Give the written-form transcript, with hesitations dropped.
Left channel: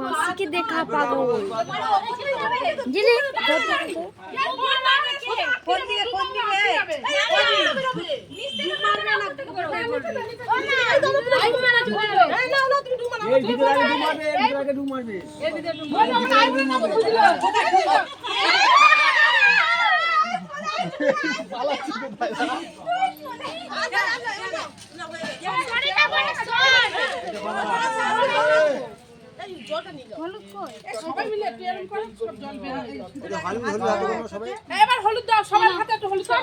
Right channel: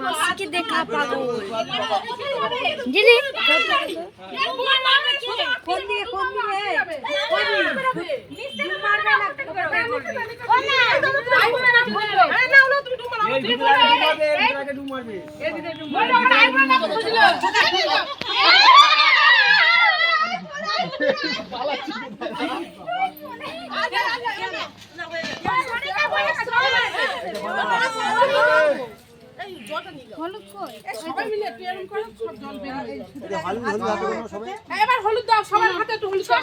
মাসিকে দেখা পাগল জিলি কোন দিকে মারবে না এবার হলুদ দাও সবার হাতে একটু হলুদ দাও।